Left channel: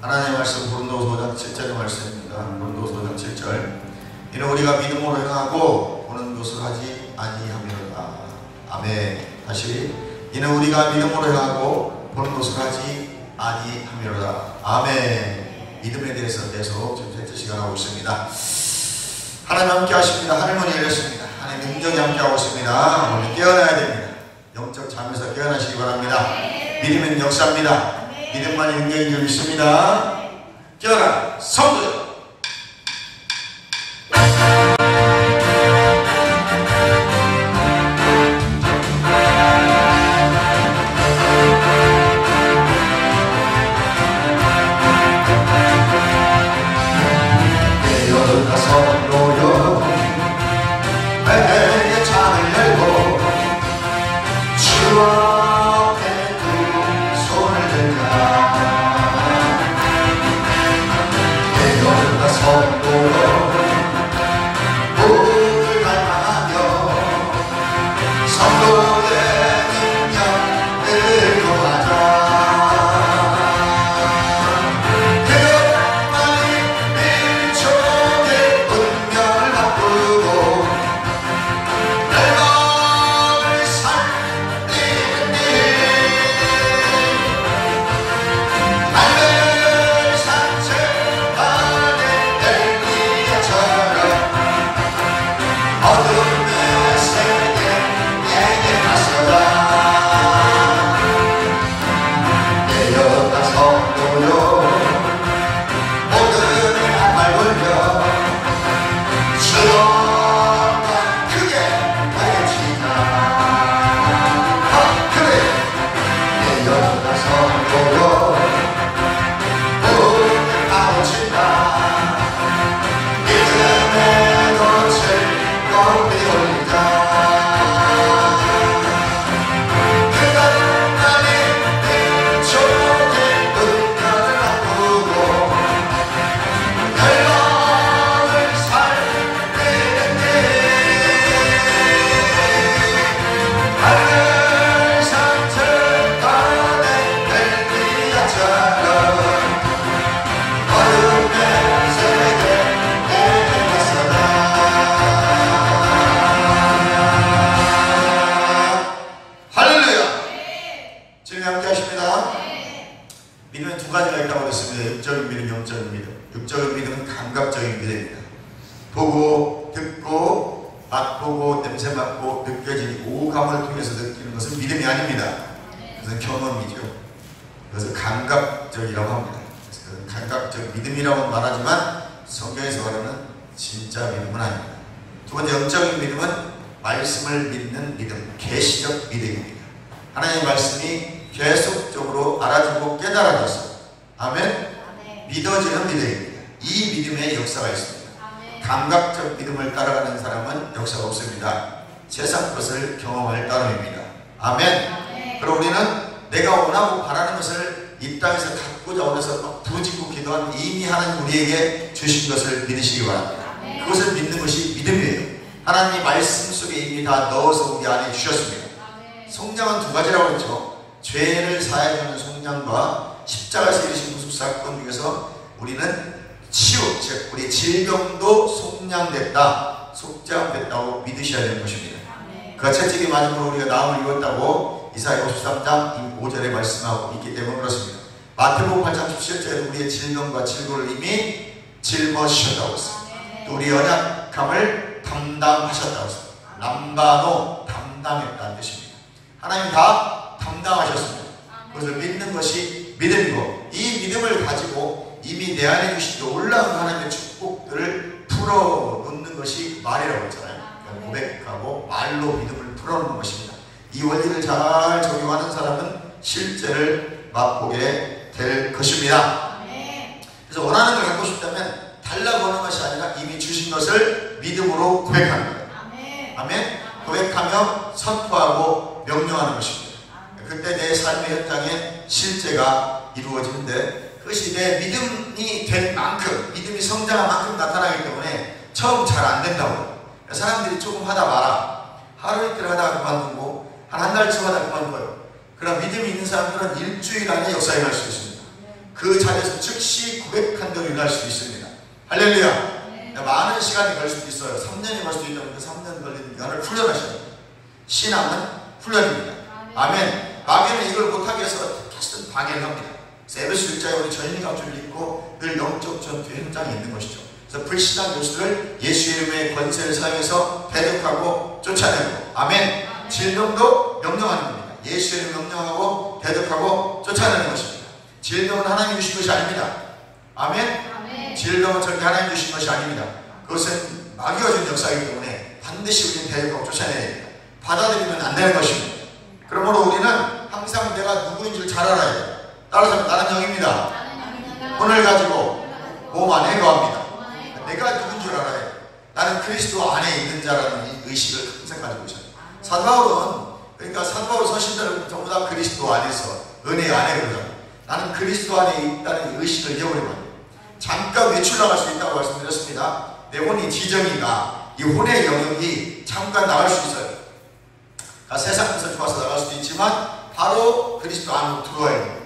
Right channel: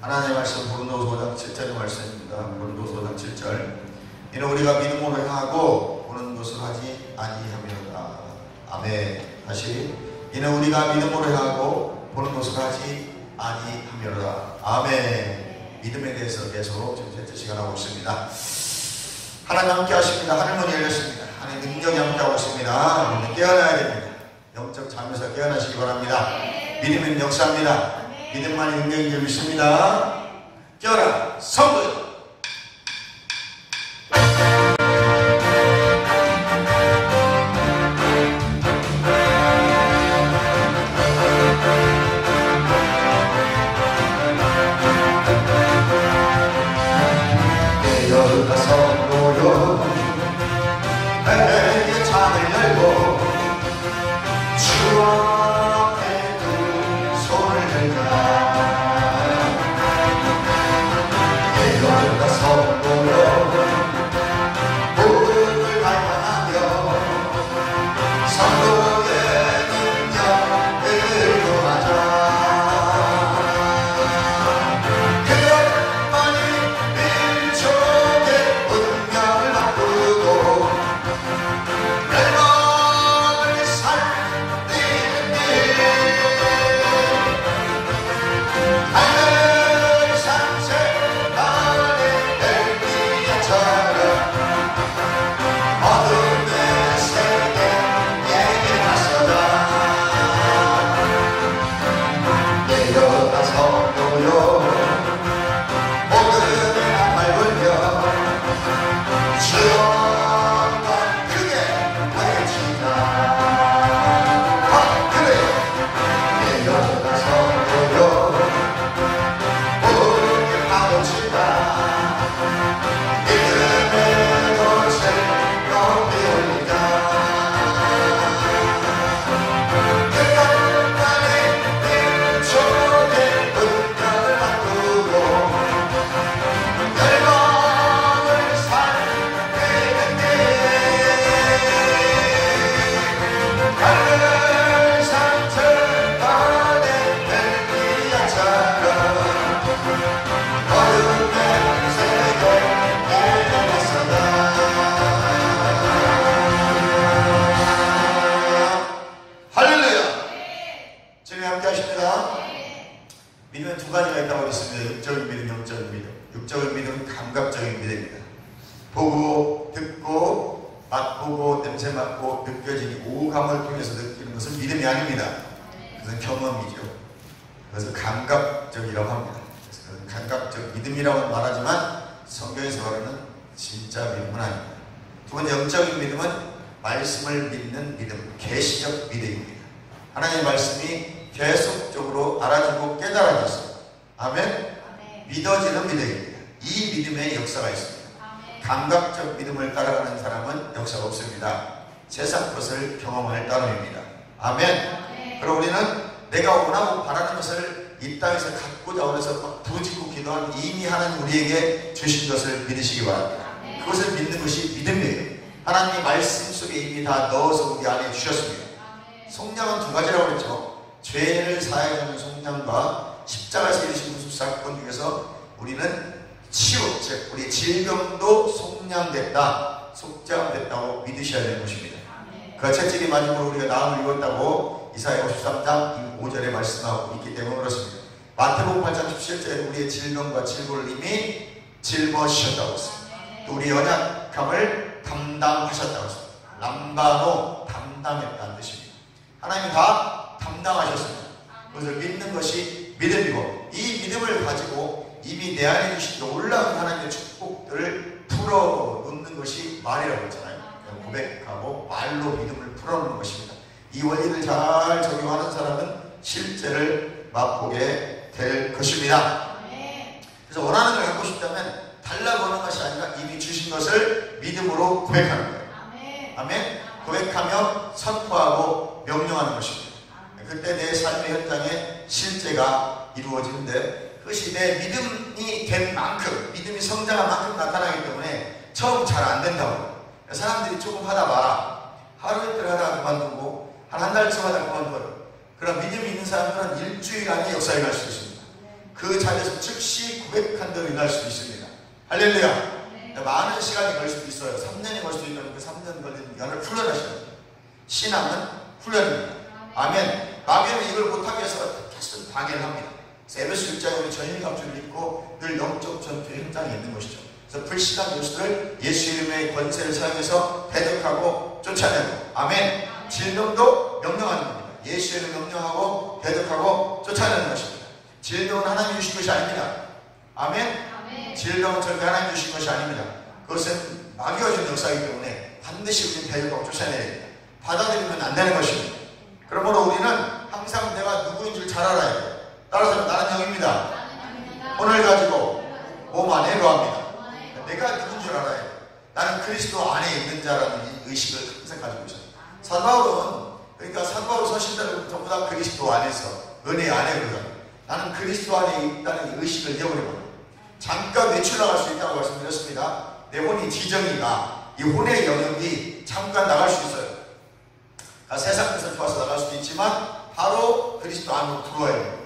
하나님의 말씀 고린도서 5장 7절의 말씀입니다. 고린도서 5장 7절. 이는 우리가 믿음으로 행하고 보는 것을 하지 아니하미로다. 아멘. 다시. 이는 우리가 믿음으로 행하고 보는 것을 하지 아니하미로다. 아멘. 믿음에 대해서 계속 지금 셋째 시간 하고 있습니다. 하나님 함께 하십니다. 하늘문이 열렸습니다. 하나님 능력이 함께 하고 있습니다. 오늘 깨어나야 됩니다. 영적 잠에서 깨어나시기 바랍니다. 믿음은 역사입니다. 믿음만이 능력인 줄 믿습니다. 깨어나 성도. 육적인 믿음은 감각적인 믿음입니다. 보고, 듣고, 맛보고, 냄새 맡고, 느껴지는 오감을 통해서 느끼는 것은 믿음이 아닙니다. 그것은 경험이죠. 그래서 감각적이라고 합니다. 그래서 감각적 믿음이라고 말하지만 성경에서 말하는 진짜 믿음은 아닙니다. 두 번째, 영적인 믿음은 말씀을 믿는 믿음, 계시적 믿음입니다. 하나님의 말씀이 계속적으로 알아지고 깨달아졌어요. 아멘? 믿어지는 믿음입니다. 이 믿음에 역사가 있습니다. 감각적 믿음을 따라가는 사람은 역사가 없습니다. 세상 것을 경험할 따름입니다. 아멘. 그럼 우리는 내가 원하고 바라는 것을 이 땅에서 갖고자 원해서 막 부짓고 기도하면 이미 하나님 우리에게 주신 것을 믿으시기 바랍니다. 그것을 믿는 것이 믿음이에요. 하나님이 말씀 속에 이미 다 넣어서 우리 안에 주셨습니다. 속량은 두 가지라고 했죠. 죄를 사해주는 속량과 십자가에서 이루신 구속 사건 중에서 우리는 치유, 즉 우리 질병도 속량됐다, 속죄함됐다고 믿으셔야 되는 것입니다. 그 채찍이 맞음으로 우리가 나음을 입었다고 이사야 53장 5절에 말씀하고 있기 때문에 그렇습니다. 마태복음 8장 17절에 우리의 질병과 질고를 이미 짊어지셨다고 했습니다. 또 우리 연약함을 담당하셨다고 했습니다. 람바노, 담당했다는 뜻입니다. 하나님 다 담당하셨습니다. 그것을 믿는 것이 믿음이고, 이 믿음을 가지고 이미 내 안에 주신 놀라운 하나님의 축복들을 풀어놓는 것이 말이라고 했잖아요. 고백하고 말로 믿음을 풀어놓는 것입니다. 이 원리를 잘 적용하는 사람은 실제를 맛보게 될 것입니다. 그래서 원하는 걸 갖고 싶다면 달라고 하는 것이 아니라 이미 주신 것을 믿음으로 고백하는 거예요. 아멘. 고백하며 선포하고 명령하는 것입니다. 그때 내 삶의 현장에 실제가 이루어지는데, 그것이 내 믿음이 된 만큼, 믿음이 성장한 만큼 나타나기 때문에 처음 잘 안 된다고. 사람들이 조금 하다 말아. 하루 이틀 하다가 그만두고 한 달쯤 하다가 그만둬요. 그러나 믿음이 있는 사람들은 일주일 안에 역사에 갈 수 있습니다. 그 자리에서 즉시 고백한 대로 일어날 수도 있습니다. 할렐루야. 많은 시간이 걸릴 수도 있어요. 3년이 걸 수도 있는 그 3년 걸리는 기간을 훈련하셔야 됩니다. 신앙은 훈련입니다. 아멘. 마귀는 이걸 못하게 해서 계속 방해를 합니다. 에베소 1장에 우리 전인갑주를 입고 늘 영적 전투 현장에 있는 것이죠. 그래서 불신한 교수들을 예수 이름의 권세를 사용해서 대적하고 쫓아내고, 아멘. 질병도 명령하는 겁니다. 예수 이름 명령하고 대적하고 쫓아내는 것입니다. 질병은 하나님이 주신 것이 아닙니다. 아멘. 질병은 절대 하나님이 주신 것이 아닙니다. 그것은 마귀가 준 역사이기 때문에 반드시 우리는 대적하고 쫓아내야 됩니다. 받아들이면 안 되는 것입니다. 그러므로 우리는 항상 내가 누구인지를 잘 알아야 돼요. 따라서 나는 영입니다. 혼을 가지고 몸 안에 거합니다. 내가 누군 줄 알아야 돼요. 나는 그리스도 안에 있는 자라는 의식을 항상 가지고 있어요. 사도 바울은, 그러니까 사도 바울 서신들은 전부 다 그리스도 안에서 은혜 안에 그러잖아요. 나는 그리스도 안에 있다는 의식을 잃어버립니다. 잠깐 외출 나갈 수 있다고 말씀드렸습니다. 내 혼이 지정이가 이 혼의 영역이 잠깐 나갈 수 있어요. 그러니까 세상에서 좋아서 나갈 수도 있지만 바로 그리스도 안으로 들어와야 돼요.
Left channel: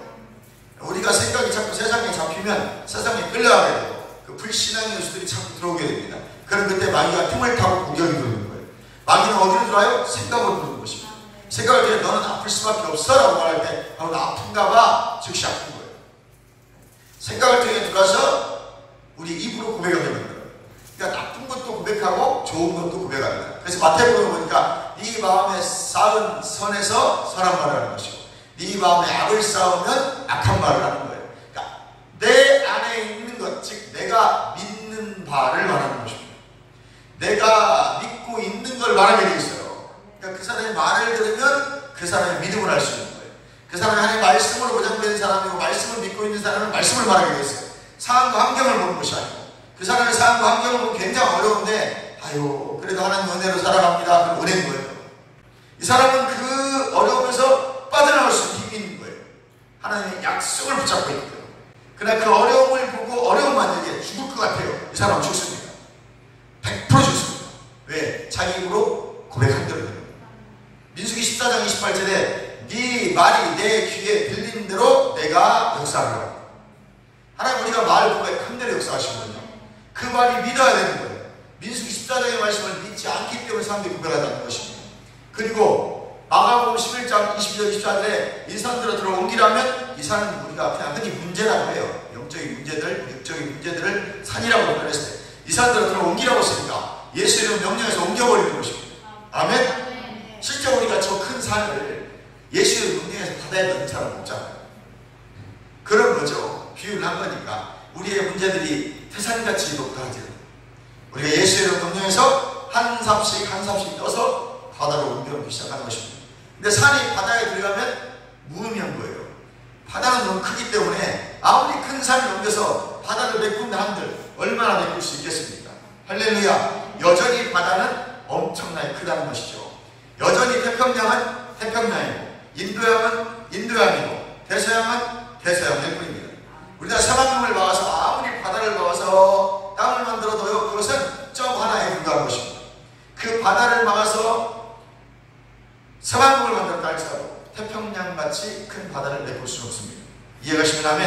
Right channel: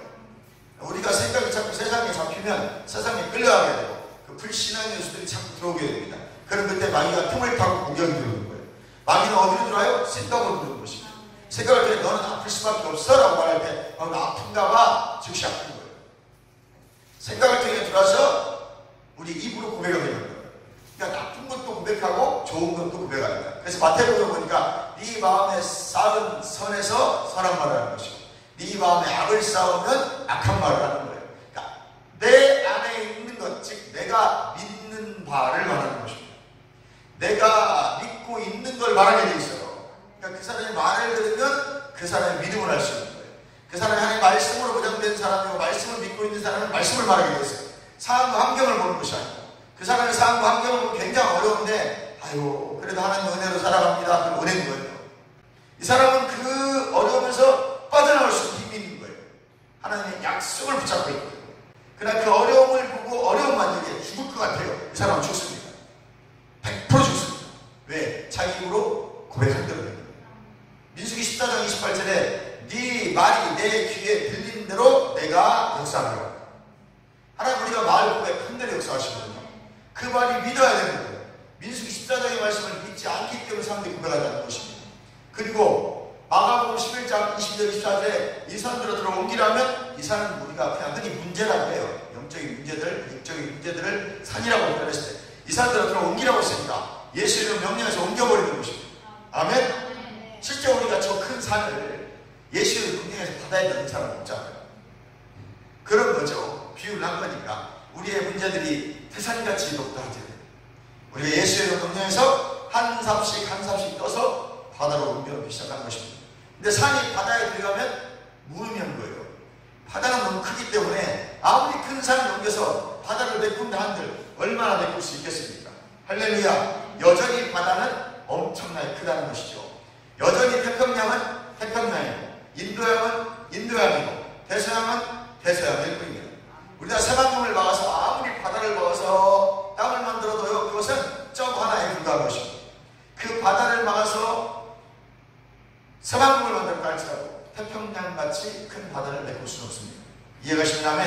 우리가 생각이 자꾸 세상에 잡히면 세상에 끌려가게 되고 그 불신앙의 요소들이 자꾸 들어오게 됩니다. 그럼 그때 마귀가 틈을 타고 공격이 들어오는 거예요. 마귀는 어디로 들어와요? 생각으로 들어오는 것입니다. 생각을 때 너는 아플 수밖에 없어 라고 말할 때 나 아픈가 봐 즉시 아픈 거예요. 생각을 통해 들어와서 우리 입으로 고백하게 되는 거예요. 그러니까 나쁜 것도 고백하고 좋은 것도 고백하는 거예요. 그래서 마태복음에 보니까 네 마음에 쌓은 선에서 선한 말을 하는 것이고 네 마음에 악을 쌓으면 악한 말을 하는 거예요. 그러니까 내 안에 있는 것, 즉 내가 믿는 바를 말하는 것입니다. 내가 믿고 있는 걸 말하게 되어 있어요. 그러니까 그 사람의 말을 들으면 그 사람의 믿음을 알 수 있는 거예요. 그 사람이 하나님의 말씀으로 보장된 사람이고 말씀을 믿고 있는 사람은 말씀을 말하게 되어 있어요. 상황과 환경을 보는 것이 아니고 그 사람의 상황과 환경을 보면 굉장히 어려운데 아유 그래도 하나님 은혜로 살아갑니다. 그럼 은혜인 거예요. 이 사람은 그 어려움에서 빠져나올 수 있는 힘이 있는 거예요. 하나님의 약속을 붙잡고 있는 거예요. 그러나 그 어려움을 보고 어려움 만약에 죽을 것 같아요. 이 사람은 죽습니다. 100% 죽습니다. 왜? 자기 입으로 고백한 대로. 민수기 14장 28절에 네 말이 내 귀에 들리는 대로 내가 역사하리라. 하나님 우리가 말 고백한 대로 역사하시거든요. 그 말이 믿어야 되는 거예요. 민수기 14장의 말씀을 믿지 않기 때문에 사람들이 고백하지 않는 것입니다. 그리고 마가복음 11장 22절 24절에 이 산으로 들어옮기라면 이 산은 우리가 그냥 흔히 문제라고 해요. 영적인 문제들, 육적인 문제들을 산이라고 표현했을 때 이 산으로 들어옮기라고 했습니다. 예수 이름 명령해서 옮겨버리는 것입니다. 아멘? 실제 우리가 저 큰 산을 예수 이름 명령해서 바다에 넣는 사람 없잖아요. 그런 거죠. 비유를 한 거니까 우리의 문제들이 태산같이 높아지는 우리가 예수 이름 명령해서 한 삽씩 떠서 바다로 옮겨오기 시작하는 것입니다. 근데 산이 바다에 들어가면 무의미한 거예요. 바다는 너무 크기 때문에 아무리 큰 산을 옮겨서 바다를 메꾼다 한들 얼마나 메꿀 수 있겠습니까? 할렐루야. 여전히 바다는 엄청나게 크다는 것이죠. 여전히 태평양은 태평양이고 인도양은 인도양이고 대서양은 대서양일 뿐입니다. 우리가 사방을 막아서 아무리 바다를 막아서 땅을 만들어도요 그것은 점 하나에 불과한 것입니다. 그 바다를 막아서 사방을 만들까 할지라도 태평양같이 큰 바다를 메꿀 수는 없습니다. 이해가십니까?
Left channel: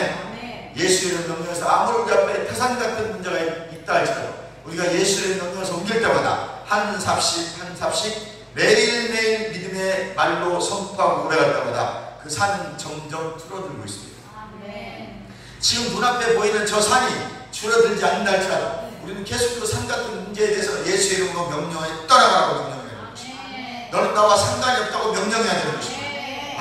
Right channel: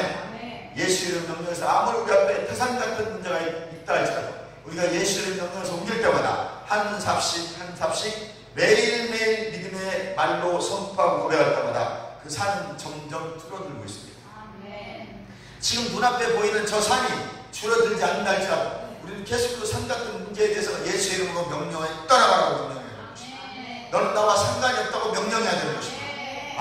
예수 이름 명령해서 아무리 우리 앞에 태산 같은 문제가 있다 할지라도 우리가 예수 이름 명령해서 옮길 때마다 한 삽씩 매일매일 믿음의 말로 선포하고 고백할 때마다 그 산은 점점 줄어들고 있습니다. 지금 눈앞에 보이는 저 산이 줄어들지 않는다 할지라도 우리는 계속해서 산 같은 문제에 대해서 예수 이름으로 명령해 떠나가라고 명령해야 되는 것입니다. 너는 나와 상관이 없다고 명령해야 되는 것입니다.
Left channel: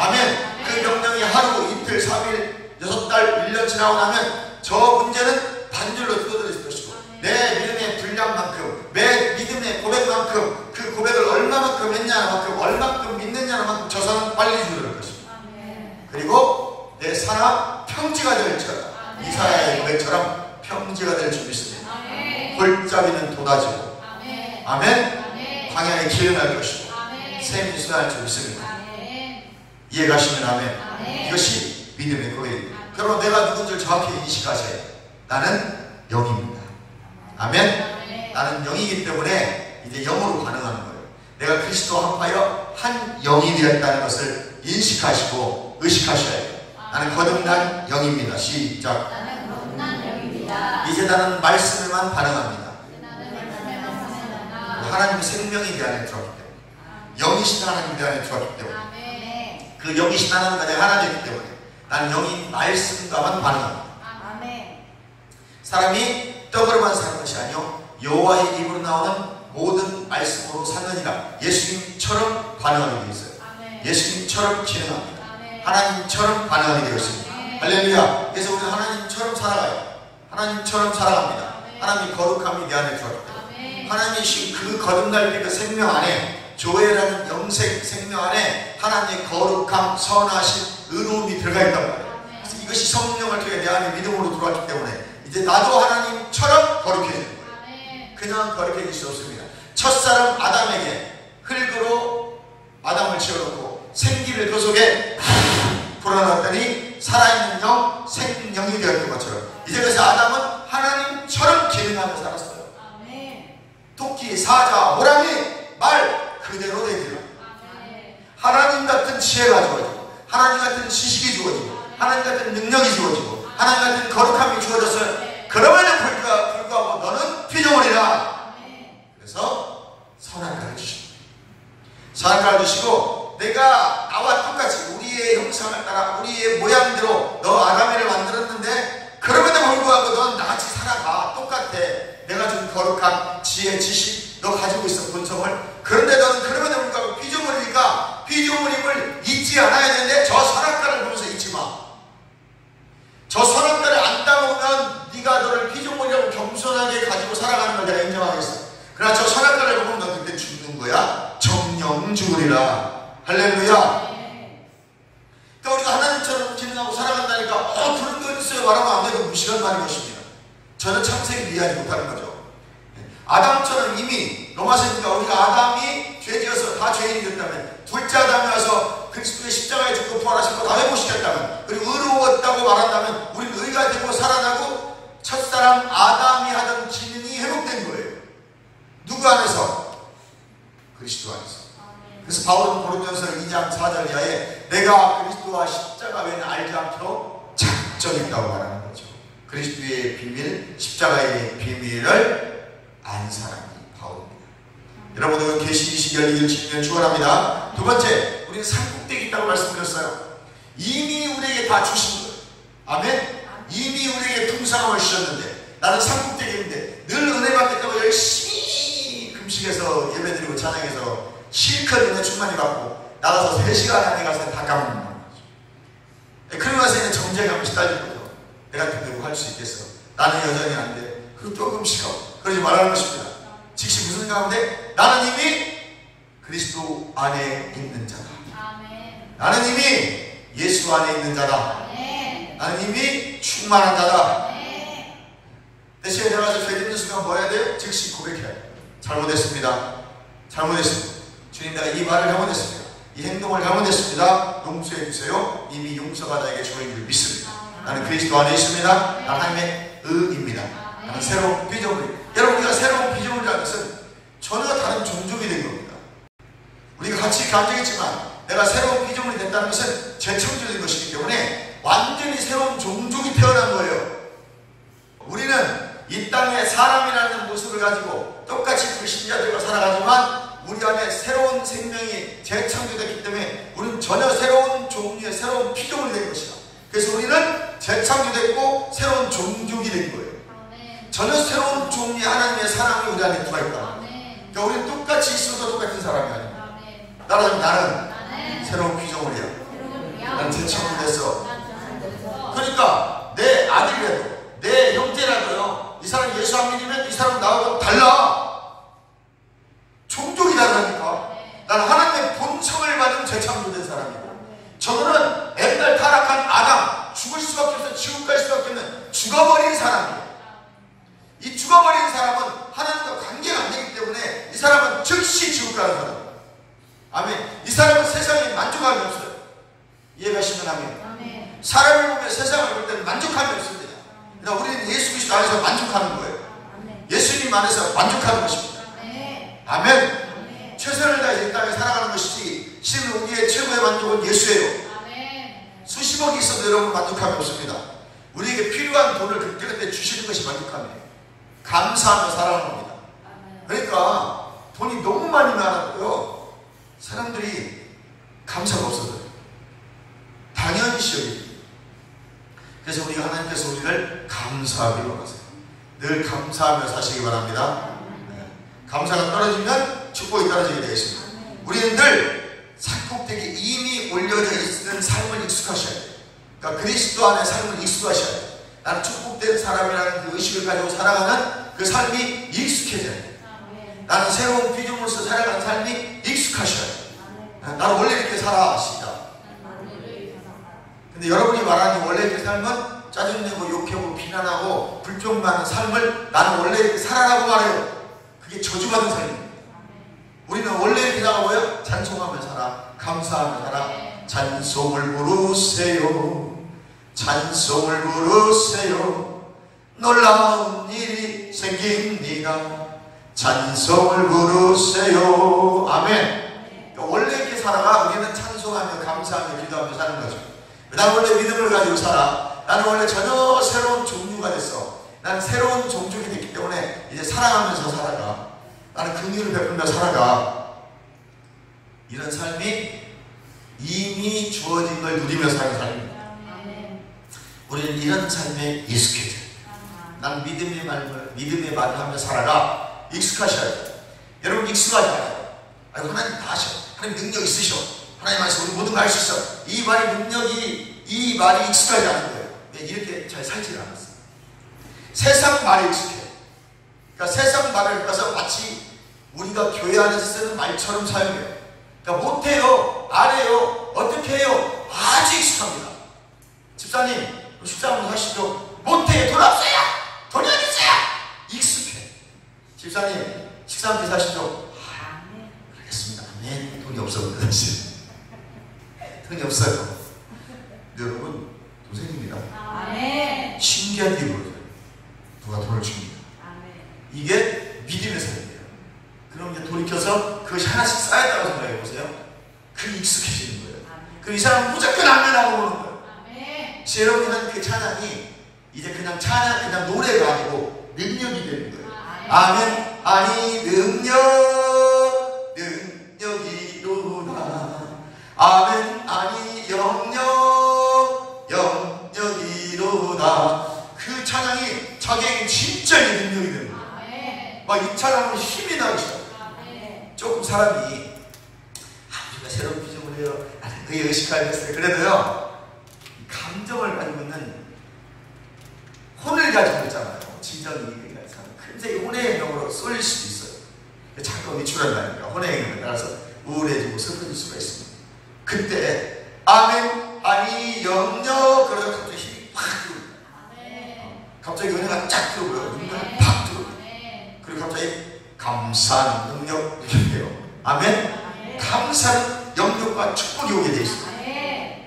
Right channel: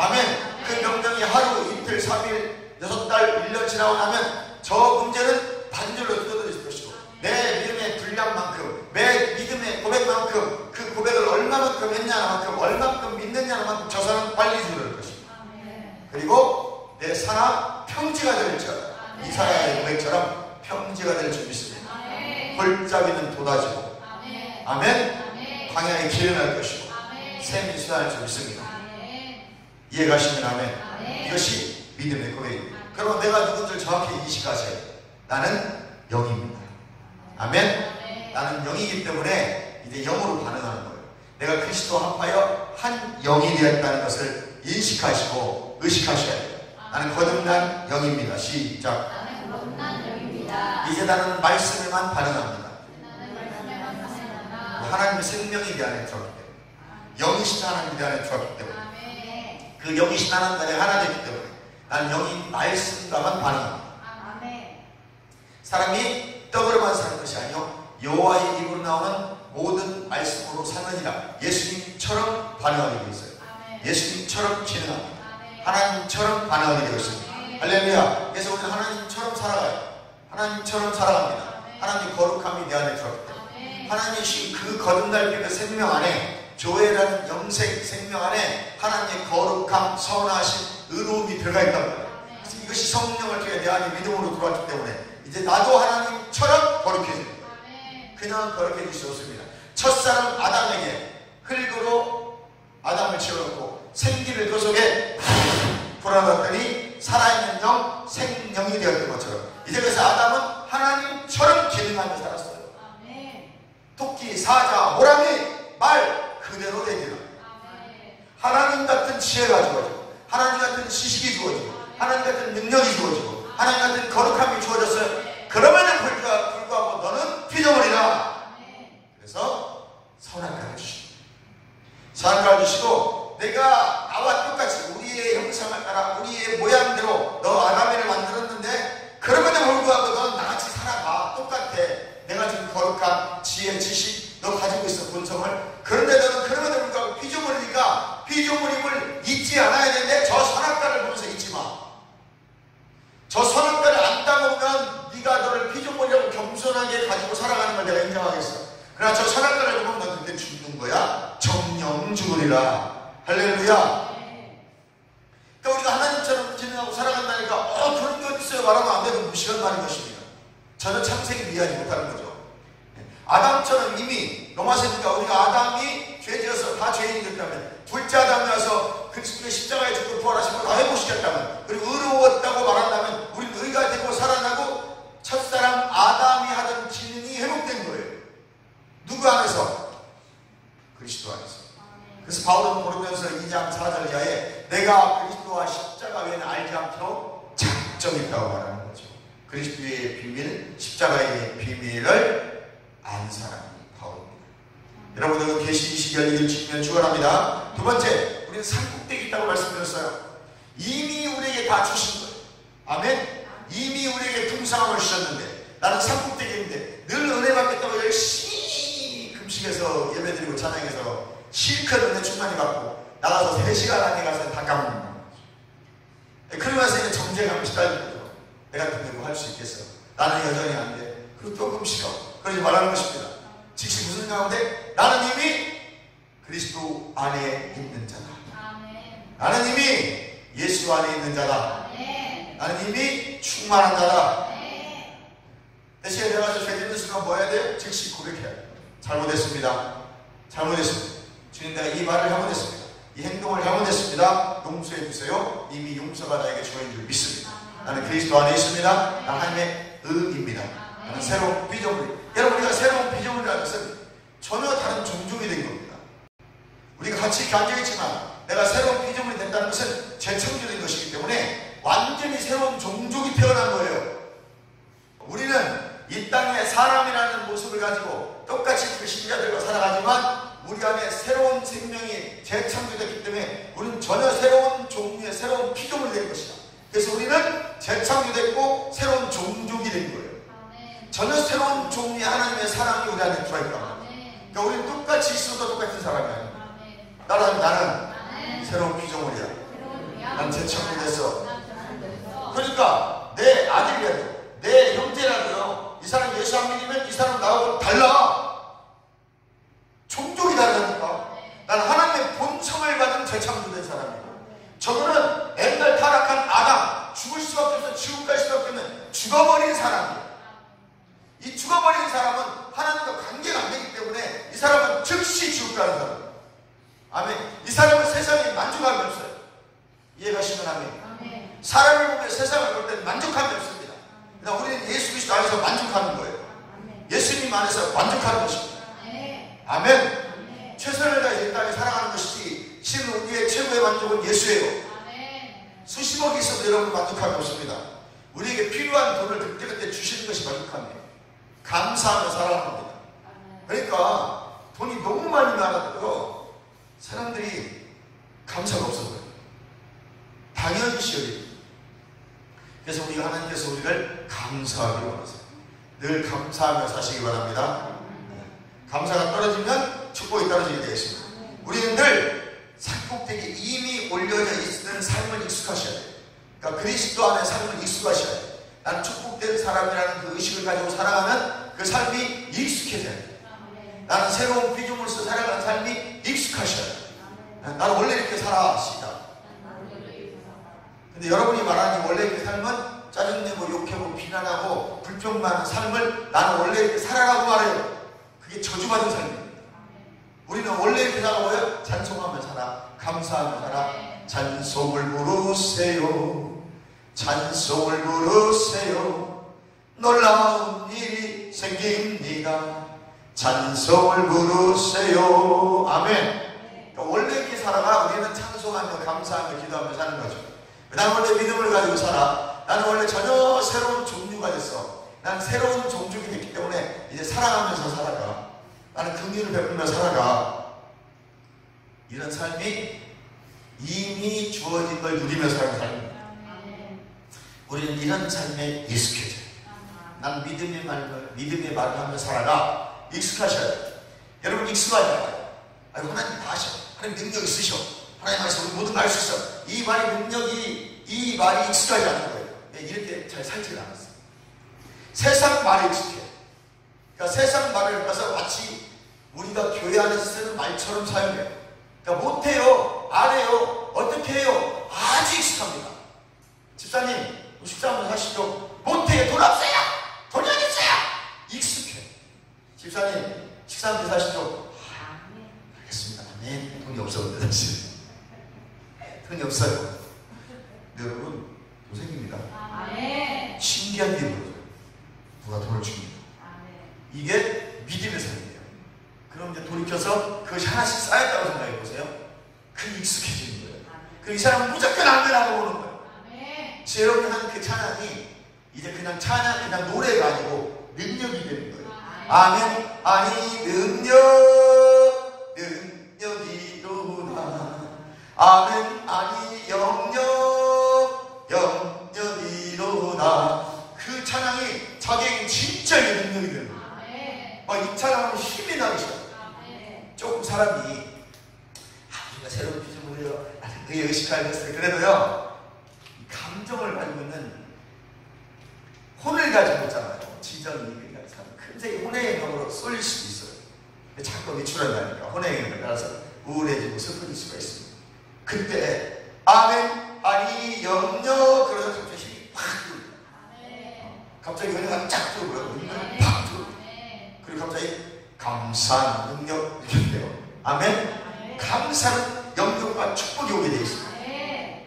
아멘. 그 명령이 하루, 이틀, 3일, 6달, 1년 지나고 나면 저 문제는 반절로 줄어들 것이고 내 믿음의 분량만큼 내 믿음의 고백만큼 그 고백을 얼마만큼 했냐만큼 얼마만큼 믿느냐는 만큼 저 사람은 빨리 줄어들 것입니다. 그리고 내 산하 평지가 될지어다. 이사야의 고백처럼 평지가 될 줄 믿습니다. 골짜기는 돋아지고 아멘. 광야에 기름이 날 것이고 샘이 쏟아질 줄 믿습니다. 이해가시면 아멘. 이것이 믿음의 고백입니다. 여러분 내가 누군지 정확히 인식하세요. 나는 영입니다. 아멘. 나는 영이기 때문에 이제 영으로 반응하는 거예요. 내가 그리스도와 합하여 한 영이 되었다는 것을 인식하시고 의식하셔야 해요. 나는 거듭난 영입니다. 시작. 나는 거듭난 영입니다. 이제 나는 말씀에만 반응합니다. 나는 말씀에만 반응한다. 하나님의 생명이 내 안에 들어왔기 때문에, 영이신 하나님이 내 안에 들어왔기 때문에, 아멘. 그 영이신 하나님과 내가 하나 되기 때문에 나는 영이 말씀과만 반응합니다. 아멘. 사람이 떡으로만 사는 것이 아니요 여호와의 입으로 나오는 모든 말씀으로 사느니라. 예수님처럼 반응하게 되어 있어요. 아멘. 예수님처럼 진행합니다. 아멘. 하나님처럼 반응하게 되어 있습니다. 아멘. 할렐루야. 그래서 우리는 하나님처럼 살아가요. 하나님처럼 살아갑니다. 아멘. 하나님의 거룩함이 내 안에 들어있기 때문에 아멘. 하나님이 그 거듭날 그 생명 안에, 조회라는 영생 생명 안에 하나님의 거룩함, 선하신 의로움이 들어가 있단 말이에요. 그래서 이것이 성령을 통해 내 안에 믿음으로 들어왔기 때문에 이제 나도 하나님처럼 거룩해져요. 그냥 거룩해질 수 없습니다. 첫사람 아담에게 흙으로 아담을 채워놓고 생기를 그 속에 불어넣었더니 살아있는 영, 생명이 되었던 것처럼 이제 그래서 아담은 하나님처럼 기능하며 살았어요. 토끼, 사자, 호랑이, 말 그대로 되기를 하나님 같은 지혜가 주어지고 하나님 같은 지식이 주어지고 하나님 같은 능력이 주어지고 하나님 같은 거룩함이 주어졌어요. 그러면은 불구하고 너는 피조물이라. 그래서 선악과를 주시고, 선악과를 주시고 내가 나와 똑같이 우리의 형상을 따라 우리의 모양대로 너 아담을 만들었는데 그럼에도 불구하고 넌 나같이 살아가. 똑같아. 내가 준 거룩한 지혜, 지식 너 가지고 있어, 본성을. 그런데 너는 그럼에도 불구하고 피조물이니까 피조물임을 잊지 않아야 되는데 저 선악과를 보면서 잊지 마. 저 선악과를 안 따먹으면 네가 너를 피조물이라고 겸손하게 가지고 살아가는 걸 내가 인정하겠어. 그러나 저 선악과를 보면 너 그때 죽는 거야. 정령 죽으리라. 할렐루야. 그러니까 우리가 하나님처럼 기능하고 살아간다니까 그런 게 어딨어요 말하면 안 돼도 무시한 말인 것입니다. 저는 창세기 이해하지 못하는 거죠. 아담처럼 이미 로마서니까 우리가 아담이 죄지어서 다 죄인이 됐다면, 둘째 아담이 와서 그리스도의 십자가에 죽고 부활하시고 다 회복시켰다면, 그리고 의로웠다고 말한다면 우리는 의가 되고 살아나고 첫사람 아담이 하던 기능이 회복된 거예요. 누구 안에서? 그리스도 안에서. 그래서 바울은 고린도전서 2장 4절 이하에 내가 그리스도와 십자가 외에는 알지 않도록 작정이 있다고 말하는 거죠. 그리스도의 비밀, 십자가의 비밀을 안 사람이 바울입니다. 여러분, 이건 계시 22절 지키면 축원합니다. 두 번째, 우리는 산꼭대기 있다고 말씀드렸어요. 이미 우리에게 다 주신 거예요. 아멘. 이미 우리에게 풍성함을 주셨는데 나는 산꼭대기인데 늘 은혜 받겠다고 열심히 금식해서 예배드리고 찬양해서 실컷 은혜 충만히 받고 나가서 3시간 안에 가서 다 까먹는 거죠. 그러면서 정죄감이 시달리는 거죠. 내가 그대로 할 수 있겠어. 나는 여전히 안 돼. 그리고 조금씩 하고 그러지 말라는 것입니다. 즉시 무슨 가운데? 나는 이미 그리스도 안에 있는 자다. 아멘. 나는 이미 예수 안에 있는 자다. 아멘. 나는 이미 충만한 자다. 대신에 내가서 죄 짓는 순간 뭐 해야 돼요? 즉시 고백해야 돼요. 잘못했습니다. 잘못했습니다. 주님, 내가 이 말을 잘못했습니다. 이 행동을 잘못했습니다. 용서해 주세요. 이미 용서가 나에게 주어진 줄 믿습니다. 나는 그리스도 안에 있습니다. 나는 하나님의 의입니다. 나는 새로운 피조물. 여러분, 우리가 새로운 피조물이라는 것은 전혀 다른 종족이 된 겁니다. 우리가 같이 감정했지만 내가 새로운 피조물이 됐다는 것은 재창조된 것이기 때문에 완전히 새로운 종족이 태어난 거예요. 우리는 이 땅에 사람이라는 모습을 가지고 똑같이 불신자들과 살아가지만 우리 안에 새로운 생명이 재창조됐기 때문에 우리는 전혀 새로운 종류의 새로운 피조물이 된 것이다. 그래서 우리는 재창조됐고 새로운 종족이 된 거예요. 전혀 새로운 종류의 하나님의 사랑이 우리 안에 들어있다. 그러니까 우리는 똑같이 있어도 똑같은 사람이 아니야. 따라서 나는 새로운 피조물이야. 난 재창조됐어. 그러니까 내 아들이라도 내 형제라도요, 이 사람 예수 안 믿으면 이 사람 나하고 달라. 종족이 다르다니까. 난 하나님의 본성을 받은 재창조된 사람이고, 저거는 옛날 타락한 아담, 죽을 수밖에 없어 지옥 갈 수밖에 없는 죽어버린 사람이에요. 이 죽어버린 사람은 하나님과 관계가 안 되기 때문에 이 사람은 즉시 지옥 가는 사람이에요. 아멘. 이 사람은 세상에 만족함이 없어요. 이해가시면 아멘. 사람을 보면 세상을 볼 때는 만족함이 없습니다. 그러나 우리는 예수 그리스도 안에서 만족하는 거예요. 예수님 안에서 만족하는 것입니다. 아멘. 최선을 다해 이 땅에 살아가는 것이지, 실은 우리의 최고의 만족은 예수예요. 수십 10억이 있어도 여러분 만족함이 없습니다. 우리에게 필요한 돈을 그때그때 주시는 것이 만족함이에요. 감사하며 살아가는 겁니다. 그러니까 돈이 너무 많이 나가고요, 사람들이 감사가 없어져요. 당연시여요. 그래서 우리가 하나님께서 우리를 감사하기 원하세요. 늘 감사하며 사시기 바랍니다. 감사가 떨어지면 축복이 떨어지게 되겠습니다. 우리는 늘 산꼭대기에 이미 올려져 있는 삶을 익숙하셔야 돼요. 그러니까 그리스도 안에 삶을 익숙하셔야 돼요. 나는 축복된 사람이라는 그 의식을 가지고 살아가는 그 삶이 익숙해져야 돼요. 나는 새로운 피조물로서 살아가는 삶이 익숙하셔야 돼요. 나는 원래 이렇게 살아, 시작. 근데 여러분이 말하는 원래 이렇게 삶은 짜증내고 욕하고 비난하고 불평 많은 삶을 나는 원래 이렇게 살아라고 말해요. 그게 저주받은 삶입니다. 우리는 원래 이렇게 살아고요, 찬송하며 살아, 감사하며 살아. 찬송을 부르세요, 찬송을 부르세요, 놀라운 일이 생깁니다. 찬송을 부르세요. 아멘. 그러니까 원래 이렇게 살아가 우리는 찬송하며 감사하며 기도하며 사는 거죠. 나는 원래 믿음을 가지고 살아. 나는 원래 전혀 새로운 종류가 됐어. 나는 새로운 종족이 됐기 때문에 이제 사랑하면서 살아가. 나는 긍휼을 베풀며 살아가. 이런 삶이 이미 주어진 걸 누리며 사는 삶입니다. 우리는 이런 삶에 익숙해져요. 난 믿음의 말을 하며 살아가. 익숙하셔야 돼요. 여러분 익숙하지 않아요. 하나님 다 하셔. 하나님 능력 있으셔. 하나님 말씀 우리 모든 걸 알 수 있어. 이 말의 능력이, 이 말이 익숙하지 않은 거예요. 이렇게 잘 살지 않았어요. 세상 말에 익숙해요. 그러니까 세상 말을 가서 마치 우리가 교회 안에서 쓰는 말처럼 사용해요. 그러니까 못해요, 안 해요, 어떻게 해요, 아주 익숙합니다. 집사님, 식사하면서 하시죠. 못해요, 돈 없어요, 돈이 어디 있어요, 익숙해. 집사님, 식사하면서 하시죠. 알겠습니다. 네, 돈이 없어요. 사실 돈이 없어요. 여러분, 돈 생깁니다. 신기한 게 뭐예요? 누가 돈을 줍니다. 이게 믿음의 삶이에요. 그럼 이제 돌이켜서 그것이 하나씩 쌓였다고 생각해 보세요. 그게 익숙해지는 거예요. 그럼 이 사람은 무조건 아멘하고 오는 거예요. 여러분은 그 찬양이 이제 그냥 찬양, 그냥 노래가 아니고 능력이 되는 거예요. 아멘. 아니 능력이로다. 아멘. 아니 영역이로다. 그 찬양이 자기에게 진짜 능력이 되는 거예요. 막 이 찬양으로 힘이 나오셔. 조금 사람이 우리가 새로운 피조물이에요, 의식하게 됐어요. 그래도요, 감정을 가지고 있는, 혼을 가지고 있잖아요. 진정이 금세 혼의 영역으로 쏠릴 수도 있어요. 잠깐 위축한다니까. 혼의 영역을 따라서 우울해지고 슬퍼질 수가 있습니다. 그때 아멘, 아니 영역, 그러면 갑자기 힘이 확 들어옵니다. 갑자기 은혜가 쫙 들어오고요. 눈물이 팍 들어옵니다. 그리고 갑자기 감사한 능력 이렇게 돼요. 아멘. 감사한 영역과 축복이 오게 되어 있습니다.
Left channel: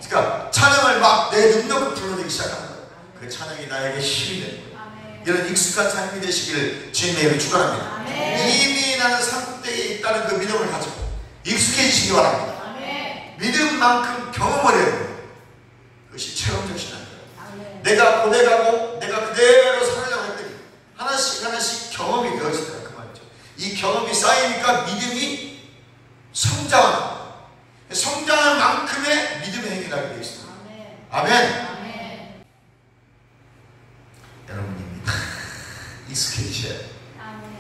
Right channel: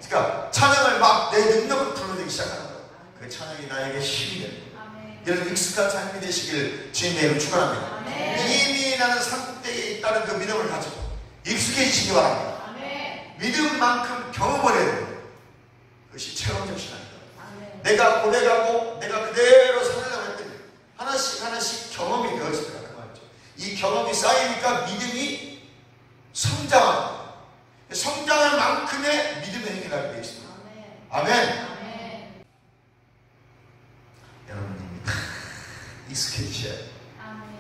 그러니까 찬양을 막 내 능력을 불러내기 시작하는 거예요. 그 찬양이 나에게 힘이 되는 거예요. 이런 익숙한 삶이 되시기를 주님의 이름으로 축원합니다. 이미 나는 산꼭대기에 있다는 그 믿음을 가지고 익숙해지시기 바랍니다. 믿음만큼 경험을 해야 돼요. 그것이 체험적 신앙이에요. 내가 고백하고 내가 그대로 살려고 했더니 하나씩 하나씩 경험이 되어진다, 그 말이죠. 이 경험이 쌓이니까 믿음이 성장하는 거예요. 성장한 만큼의 믿음의 행위를 하게 되어 있습니다. 아멘. 여러분입니다. 익숙해지셔야 돼요.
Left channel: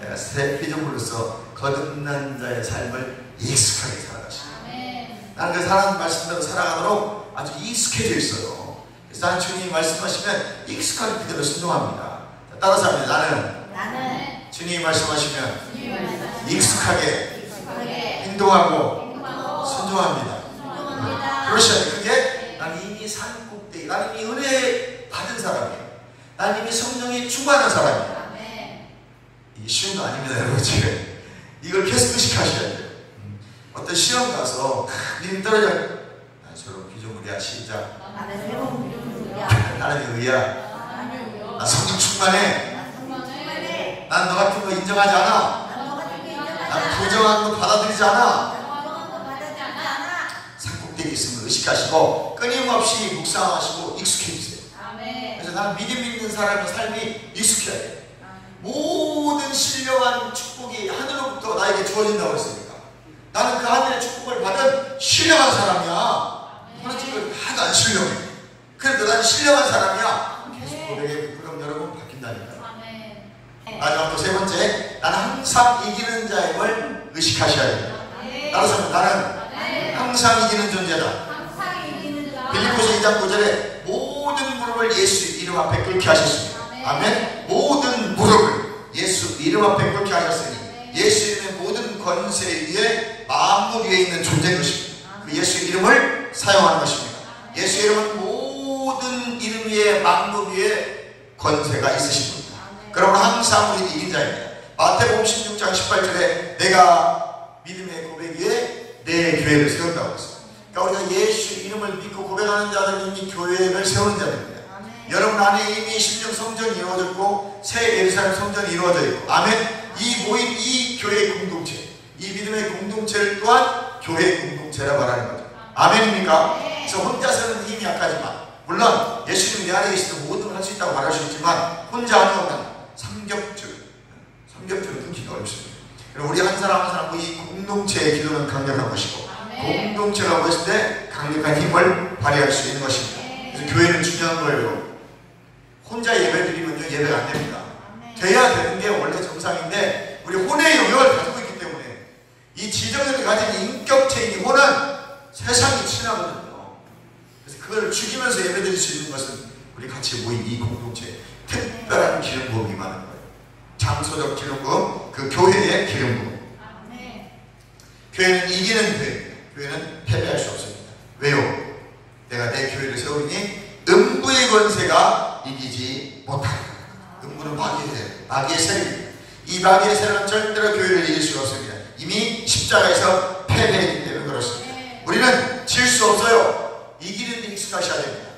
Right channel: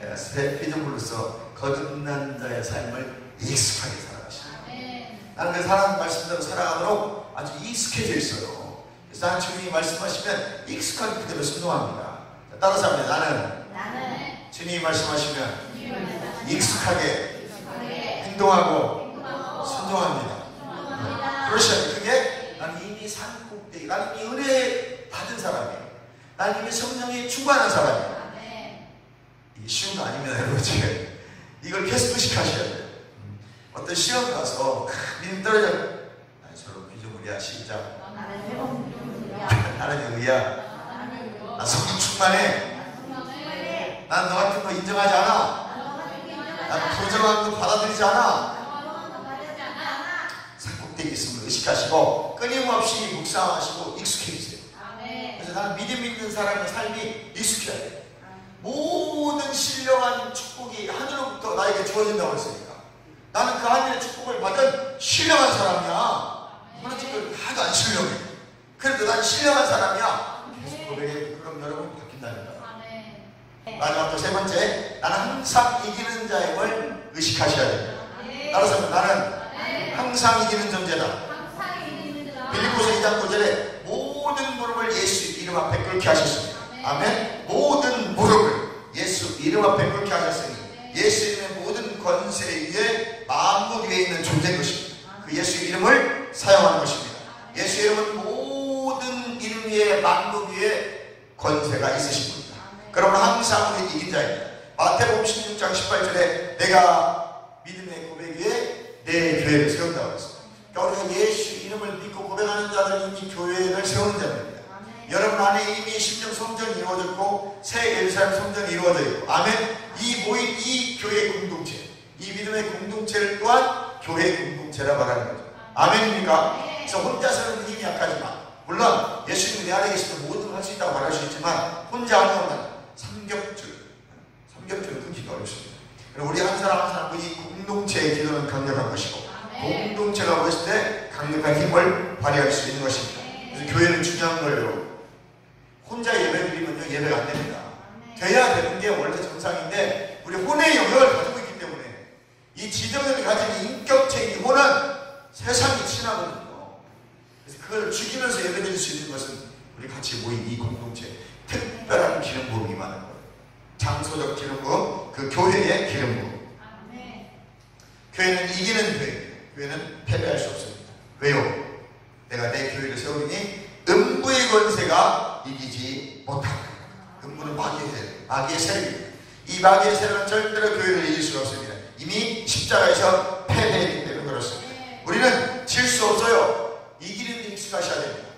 내가 새 피조물로서 거듭난 자의 삶을 익숙하게 살아가시고, 나는 그 사람 말씀대로 살아가도록 아주 익숙해져 있어요. 그래서 나는 주님이 말씀하시면 익숙하게 그대로 순종합니다. 따라서 합니다. 나는 주님이 말씀하시면 익숙하게 행동하고 순종합니다. 그러셔야 돼요. 그게 나는 이미 산꼭대기, 나는 이미 은혜 받은 사람이에요. 나는 이미 성령이 충만한 사람이에요. 이게 쉬운 거 아닙니다, 여러분. 이걸 계속 의식하셔야 돼요. 어떤 시험 가서 믿음 떨어져, 난 저런 피조물이야, 시작. 하나님의 의야. 나 성령 충만해. 난 너 같은 거 인정하지 않아. 난 부정한 거 받아들이지 않아. 산꼭대기 있음을 의식하시고 끊임없이 묵상하시고 익숙해지세요. 아멘. 그래서 나는 믿음 있는 사람의 삶이 익숙해야 돼요. 모든 신령한 축복이 하늘로부터 나에게 주어진다고 했으니까 나는 그 하늘의 축복을 받은 신령한 사람이야. 그렇지, 하나도 안 신령해. 그런데 난 신령한 사람이야. 계속 고백해. 그럼 여러분 바뀐다니까. 마지막으로 세 번째, 나는 항상 이기는 자임을 의식하셔야 됩니다. 따라서 나는 항상 이기는 존재다. 빌립보서 2장 9절에 모든 무릎을 예수 이름 앞에 꿇게 하셨습니다. 아멘. 모든 무릎을 예수 이름 앞에 꿇게 하셨으니 예수 이름의 모든 권세 위에 만물 위에 있는 존재인 것입니다. 그 예수 이름을 사용하는 것입니다. 예수 이름은 모든 이름 위에 만물 위에 권세가 있으십니다. 그러면 항상 우리 이긴 자입니다. 마태복음 16장 18절에 내가 믿음의 고백 위에 내 교회를 세운다고 했습니다. 그러니까 우리가 예수 이름을 믿고 고백하는 자들은 이미 교회를 세우는 자들입니다. 여러분 안에 이미 심령 성전이 이루어졌고 새 예루살렘 성전이 이루어져 있고 아멘. 이 모인 이 교회 공동체, 이 믿음의 공동체를 또한 교회 공동체라 말하는 거죠. 아멘입니까? 그래서 혼자서는 힘이 약하지만 물론 예수님이 내 안에 계시면 모든 걸 할 수 있다고 말할 수 있지만 혼자 하면 삼겹줄은 끊기가 어렵습니다. 그리고 우리 한 사람 한 사람 이 공동체의 기도는 강력한 것이고 공동체가 모였을 때 강력한 힘을 발휘할 수 있는 것입니다. 그래서 교회는 중요한 거예요. 혼자 예배드리면요 예배가 안 됩니다. 돼야 되는 게 원래 정상인데 우리 혼의 영역을 가지고 있기 때문에 이 지정을 가진 인격체인 이 혼은 세상이 친하거든요. 그래서 그걸 죽이면서 예배드릴 수 있는 것은 우리 같이 모인 이 공동체 특별한 기름 부음이 많은 거예요. 장소적 기름 부음, 그 교회의 기름 부음. 교회는 이기는 교회입니다. 교회는 패배할 수 없습니다. 왜요? 내가 내 교회를 세우니 음부의 권세가 이기지 못하다. 음부는 마귀의 세력입니다. 이 마귀의 세력은 절대로 교회를 이길 수가 없습니다. 이미 십자가에서 패배했기 때문에 그렇습니다. 우리는 질 수 없어요. 이기는 데 익숙하셔야 됩니다.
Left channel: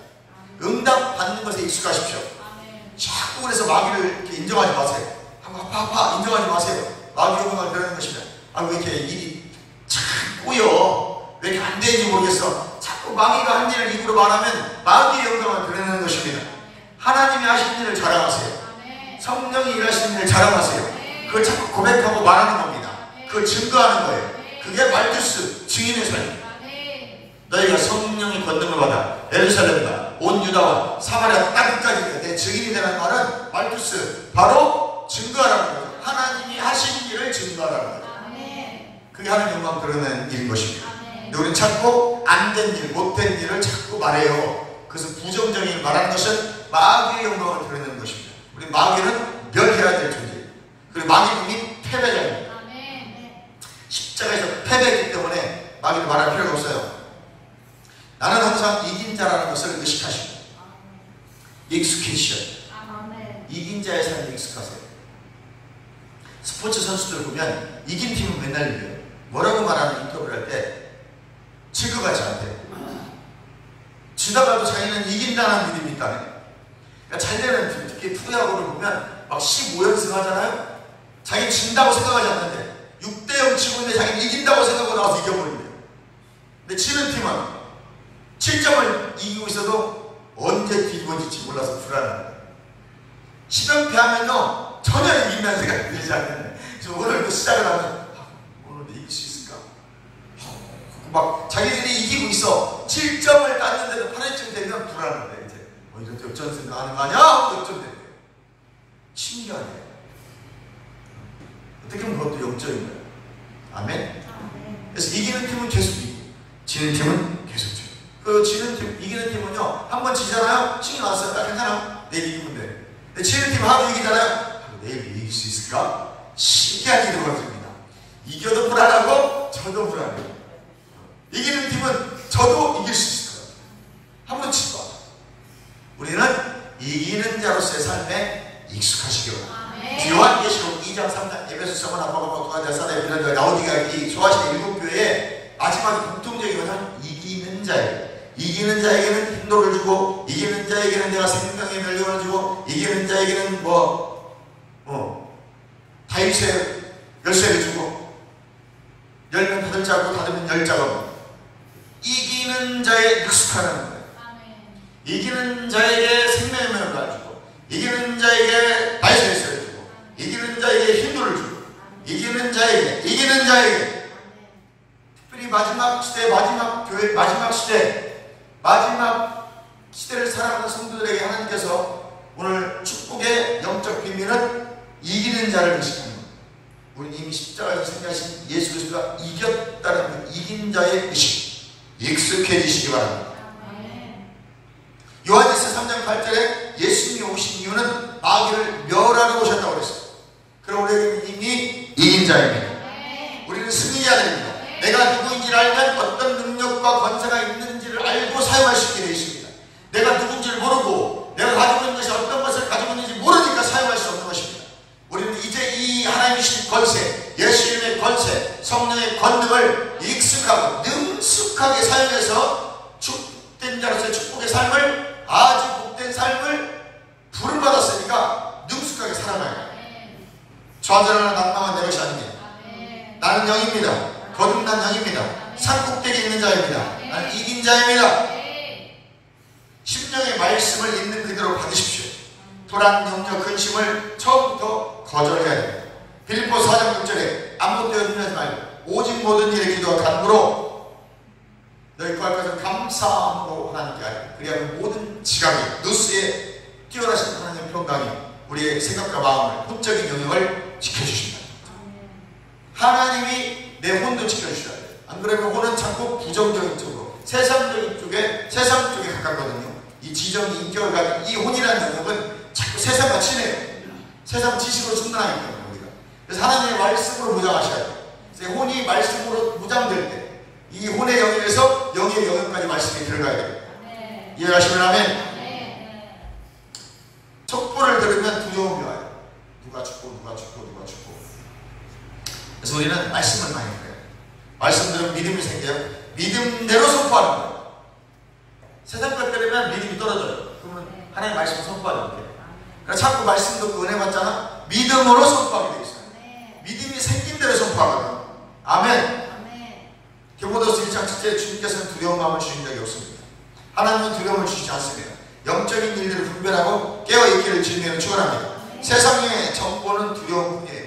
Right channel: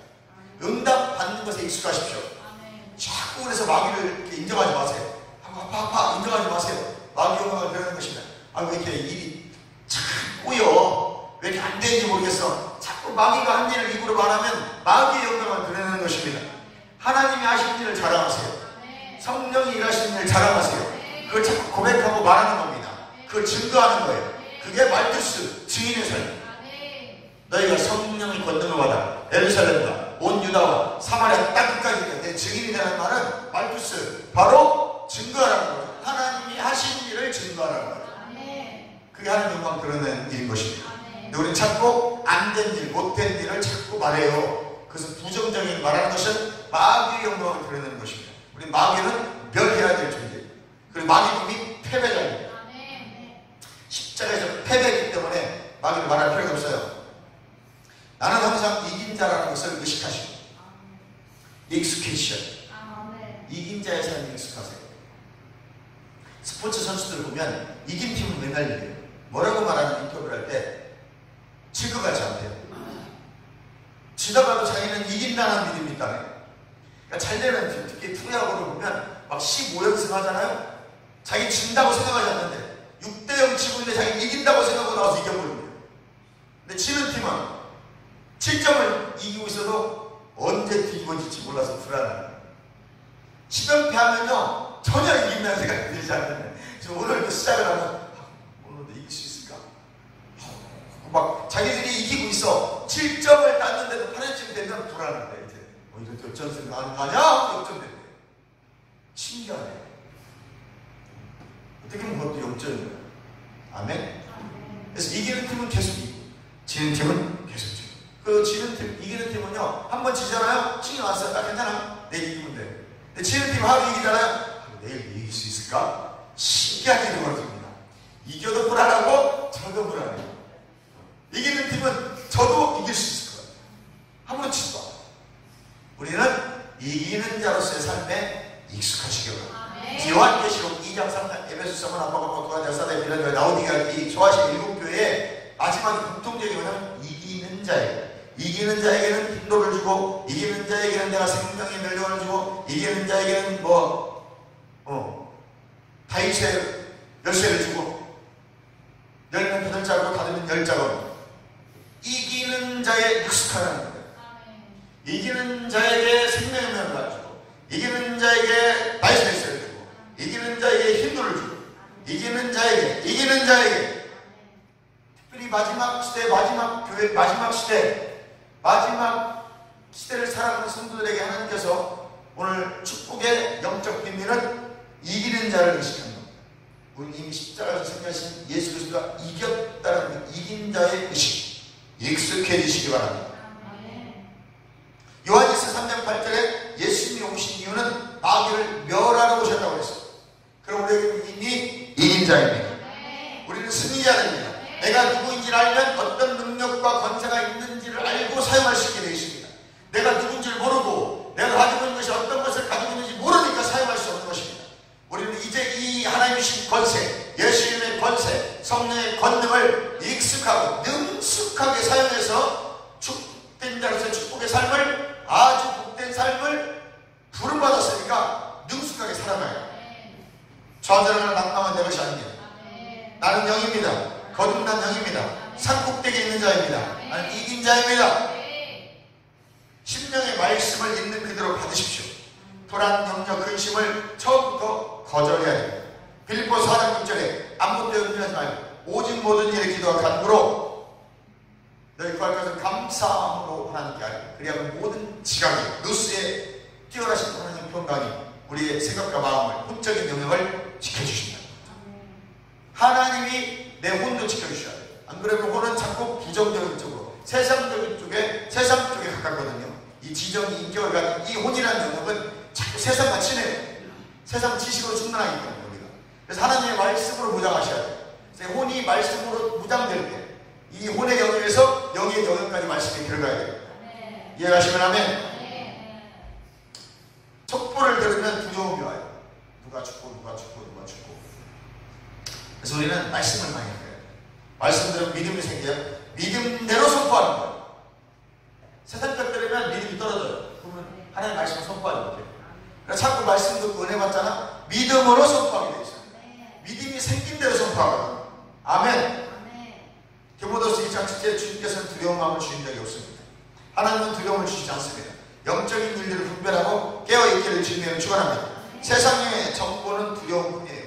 응답 받는 것에 익숙하십시오. 자꾸 그래서 마귀를 이렇게 인정하지 마세요. 아파 인정하지 마세요. 마귀 영광을 드러내는 것입니다. 왜 이렇게 일이 자꾸요 왜 이렇게 안 되는지 모르겠어. 자꾸 마귀가 한 일을 입으로 말하면 마귀의 영광을 드러내는 것입니다. 하나님이 하신 일을 자랑하세요. 성령이 일하시는 일을 자랑하세요. 그걸 자꾸 고백하고 말하는 겁니다. 그걸 증거하는 거예요. 그게 말두스 증인의 삶. 너희가 성령의 권능을 받아 예루살렘과 온 유다와 사마리아 땅끝까지 내 증인이 되는 말은 말두스 바로 증거하라는 거예요. 하나님이 하신 일을 증거하라는 거예요. 그게 하나님 영광 드러내는 일인 것입니다. 근데 우리는 자꾸 안 된 일, 못된 일을 자꾸 말해요. 그래서 부정적인 말하는 것은 마귀의 영광을 드러내는 것입니다. 우리 마귀는 멸해야 될 존재예요. 그리고 마귀는 패배자입니다. 십자가에서 패배했기 때문에 마귀를 말할 필요가 없어요. 나는 항상 이긴 자라는 것을 의식하시고 익숙해지셔야 돼요. 이긴 자의 삶에 익숙하세요. 스포츠 선수들 보면 이긴 팀은 맨날 이겨요. 뭐라고 말하는 인터뷰를 할 때 지그가지 않대요. 지다가도 자기는 이긴다는 믿음이 있다네. 그러니까 잘 되는 팀, 특히 프로야구를 보면 막 15연승 하잖아요. 자기 진다고 생각하지 않는데 6대0 치고 있는데 자기는 이긴다고 생각하고 나와서 이겨버립니다. 근데 지는 팀은 7점을 이기고 있어도 언제 뒤집어질지 몰라서 불안합니다. 10연패 하면요 전혀 이긴다는 생각이 들지 않는데 그래서 오늘도 시작을 하면 오늘도 이길 수 있을까? 막 자기들이 이기고 있어. 7점을 땄는데도 8회쯤 되면 불안합니다. 이제 이렇게 역전승 나가는 거 아니야? 하고 역전되네. 신기하네. 어떻게 보면 그것도 역전인 거예요. 아멘. 그래서 이기는 팀은 계속 이기고 지는 팀은 계속 지고 그 지는 팀, 이기는 팀은요 한번 지잖아요. 신이 났어요. 괜찮아. 내일 이기면 돼. 근데 지는 팀 하루 이기잖아요. 내일 이길 수 있을까? 신기한 일이 벌어집니다. 이겨도 불안하고 저도 불안해요. 이기는 팀은 저도 이길 수 있을 거예요. 한번 칠 거야. 우리는 이기는 자로서의 삶에 익숙하시기 바랍니다. 요한계시록 2장 3장 에베소 서문 아빠가 도와자 사대 비라가 라오디가 이 소아시 일곱 교회의 마지막 공통적인 것은 이기는 자예요. 이기는 자에게는 힘도를 주고 이기는 자에게는 내가 생명의 멸류관을 주고 이기는 자에게는 다윗의 열쇠를 주고 열면 8자고 닫으면 10자고 이기는 자의 능숙하다는 거예요. 이기는 자에게 생명의 면을 주고, 이기는 자에게 다이소리를 주고, 이기는 자에게 힘을 주고, 이기는 자에게 특별히 마지막 시대, 마지막 교회, 마지막 시대, 마지막 시대를 살아가는 성도들에게 하나님께서 오늘 축복의 영적 비밀은 이기는 자를 의식하는 것. 우리는 이미 십자가에서 승리하신 예수 그리스도가 이겼다는 그 이긴 자의 의식, 익숙해지시기 바랍니다. 요한일서 3장 8절에 예수님이 오신 이유는 마귀를 멸하러 오셨다고 그랬어요. 그럼 우리는 이미 이긴 자입니다. 우리는 승리해야 됩니다. 내가 누구인지를 알면 어떤 능력과 권세가 있는지를 알고 사용할 수 있게 되어 있습니다. 내가 누군지를 모르고 내가 가지고 있는 것이 어떤 것을 가지고 있는지 모르니까 사용할 수 없는 것입니다. 우리는 이제 이 하나님이 주신 권세, 예수님의 권세, 성령의 권능을 익숙하고 능숙하게 사용해서 축복된 자로서의 축복의 삶을, 아주 복된 삶을 부름받았으니까 능숙하게 살아가야 해요. 좌절하는 낭망은 내 것이 아닙니다. 나는 영입니다. 거듭난 영입니다. 산꼭대기에 있는 자입니다. 나는 이긴 자입니다. 심령의 말씀을 있는 그대로 받으십시오. 불안, 염려, 근심을 처음부터 거절해야 됩니다. 빌립보서 4장 6절에 아무것도 염려하지 말고 오직 모든 일에 기도와 간구로 너희 구할 것을 감사함으로 하나님께 하라. 그리하면 모든 지각이 누스에 뛰어나신 하나님의 평강이 우리의 생각과 마음을, 혼적인 영역을 지켜주십니다. 하나님이 내 혼도 지켜주셔야 돼요. 안 그러면 혼은 자꾸 부정적인 쪽으로, 세상적인 쪽에, 세상 쪽에 가깝거든요. 이 지정, 인격을 가진 이 혼이라는 영역은 자꾸 세상과 친해요. 세상 지식으로 충분하기 때문에 우리가. 그래서 하나님의 말씀으로 무장하셔야 돼요. 그래서 혼이 말씀으로 무장될 때 이 혼의 영역에서 영의 영역까지 말씀이 들어가야 돼요. 이해가시면 아멘. 촛불을 들으면 두려움이 와요. 누가 죽고 누가 죽고 누가 죽고. 그래서 우리는 말씀을 많이 해요. 말씀 들으면 믿음이 생겨요. 믿음대로 선포하는 거예요. 세상 것 들으면 믿음이 떨어져요. 그러면 하나님 말씀을 선포하는 거예요. 그러니까 자꾸 말씀 듣고 은혜 받잖아. 믿음으로 선포하게 돼 있어요. 믿음이 생긴 대로 선포하거든. 아멘. 디모데후서 1장 7절에 주님께서는 두려운 마음을 주신 적이 없습니다. 하나님은 두려움을 주시지 않습니다. 영적인 일들을 분별하고 깨어있기를 주님에게 축원합니다. 세상의 정보는 두려움뿐이에요.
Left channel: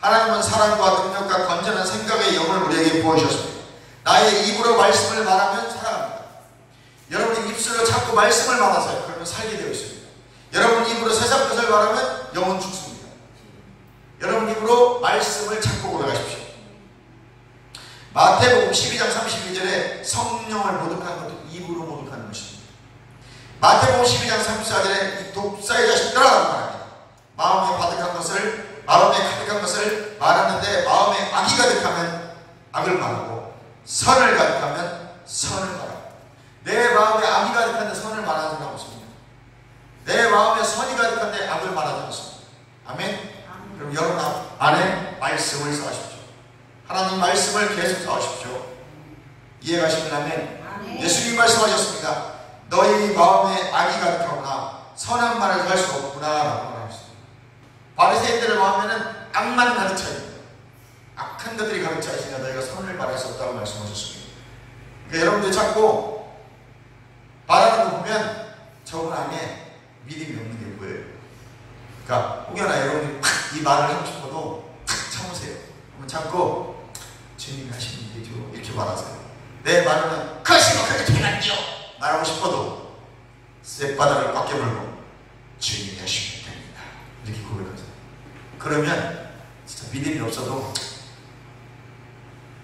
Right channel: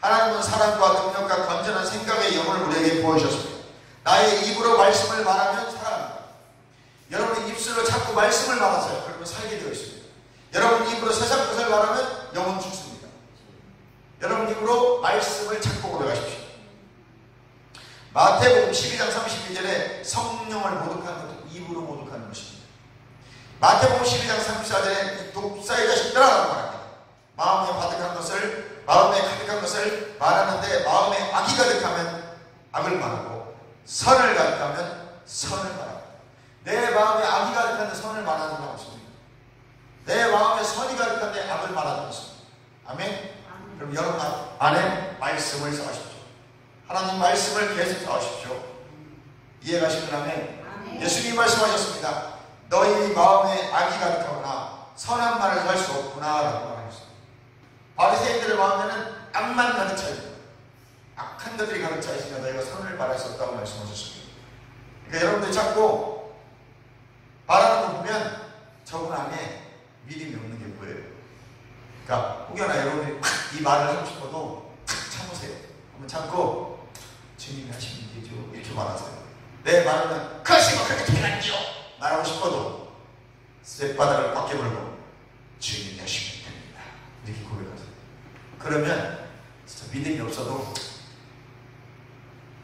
하나님은 사랑과 능력과 건전한 생각의 영혼을 우리에게 부어주셨습니다. 나의 입으로 말씀을 말하면 살아갑니다. 여러분이 입술로 자꾸 말씀을 말하세요. 그러면 살게 되어 있습니다. 여러분 입으로 세상 것을 말하면 영혼 죽습니다. 여러분 입으로 말씀을 찾고 올라가십시오. 마태복음 12장 32절에 성령을 모독하는 것도 입으로 모독하는 것입니다. 마태복음 12장 34절에 이 독사의 자식들아라고 말합니다. 마음에 가득한 것을 말하는데 마음에 악이 가득하면 악을 말하고 선을 가득하면 선을 말합니다. 내 마음에 악이 가득한데 선을 말하는 사람 없습니다. 내 마음에 선이 가득한데 악을 말하는 것입니다. 아멘? 그럼 여러분 안에 말씀을 쌓으십시오. 하나님 말씀을 계속 쌓으십시오. 이해가시면 아멘? 예수님 말씀하셨습니다. 너희 마음에 악이 가득하구나. 선한 말을 할 수 없구나 라고 말하셨습니다. 바리새인들의 마음에는 악만 가득 차 있다. 악한 것들이 가득 차 있으니까 너희가 선을 말할 수 없다고 말씀하셨습니다. 그러니까 여러분들이 자꾸 말하는 거 보면 저분 안에 믿음이 없는 게 보여요. 그러니까 혹여나 여러분이 이 말을 하고 싶어도 참으세요. 그러면 참고 주님이 하시는 일이죠 이렇게 말하세요. 내 말은 그것이 뭐 그렇게 되겠죠 말하고 싶어도 쇳바닥을 꽉 깨물고 주님이 하시면 됩니다 이렇게 고백하세요. 그러면 진짜 믿음이 없어도